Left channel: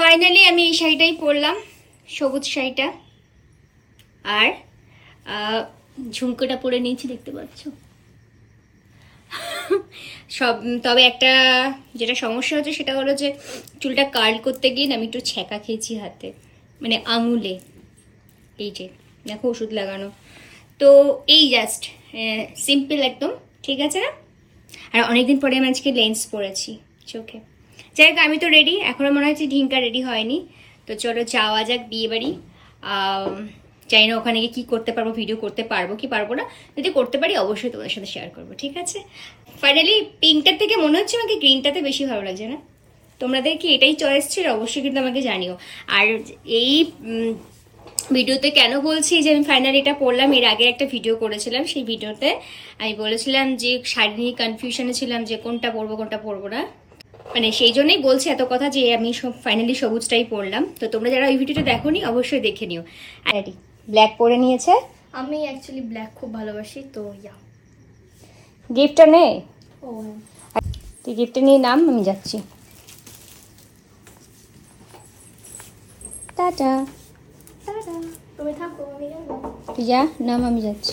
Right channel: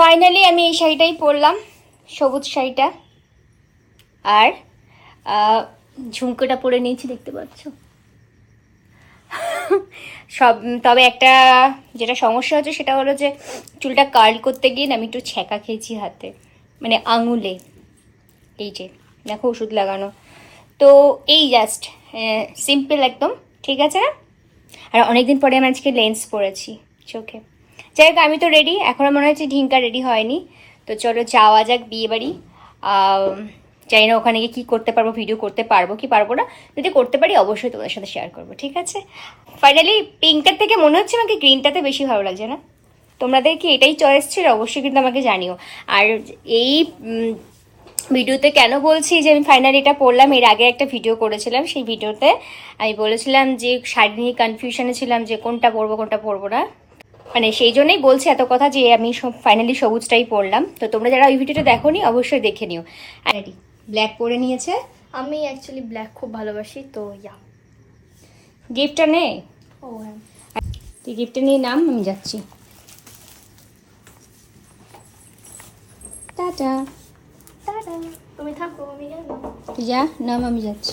Finally আমি এই শাড়িটাই পরলাম, সবুজ শাড়িটা। আর ঝুমকোটা পরে নিয়েছি, দেখতে পাচ্ছ। সব তবে একটা যেটা সমস্যা হচ্ছে সেটা হলো যে চুলটা কার্ল করতে গিয়ে আমি একটু ছ্যাঁকা খেয়েছি হাতে, মানে আঙুলে। এই যে দেখো ওষুধ লাগানো। তো এই জাস্ট সিম্পল একদম, ঠিক আছে না? আর অনেকদিন পরে আমি আজকে লেন্স পরেছি চোখে। যাই হোক, আমি তো রেডি, এখনও মনে হচ্ছে ঢিঙ্কা রেডি হয়নি। তো চলো যাওয়া যাক বিয়ে বাড়ি। জানি না ওখানে গিয়ে কী করতে পারবো, ভিডিও করতে পারবো কি পারবো না। যদি করতে পারি অবশ্যই তোমাদের সাথে শেয়ার করবো, ঠিক আছে? ফাইনালি পিঙ্কটার থেকে মনে হচ্ছে আমাকে গ্রিনটাতে বেশি ভালো লাগছে না? তোমাদের কি এটাই চয়েস ছিল? অবশ্যই কিন্তু আমাকে জানিও। আর এই ভিডিওতে কেন বলছি যে আমি ফাইনালি এটা পরলাম, এর আগে একটা ভিডিও করেছিলাম, সেই ভিডিওতে আমি বলেছিলাম যে শাড়ি নিয়ে কনফিউশনে ছিলাম যে কোনটা পরবো না, মানে সেই জন্যই বলছি এত কথা যে আমি ফাইনালি সবুজটাই পরলাম। তো তোমরা যারা ওই ভিডিওটা দেখোনি অবশ্যই দেখে নিও। আর ব্ল্যাক পরে নিয়েছে। আমি অ্যাকচুয়ালি ব্ল্যাক খুব ভালোবাসি, তো ইয়া। গিফটটা নে, তুই গিফটটা নিয়ে নাম, আমি যাচ্ছি। টাটা। তুমি থাকো, আমি গেলাম। তুই যা, নাম, আমি যাচ্ছি।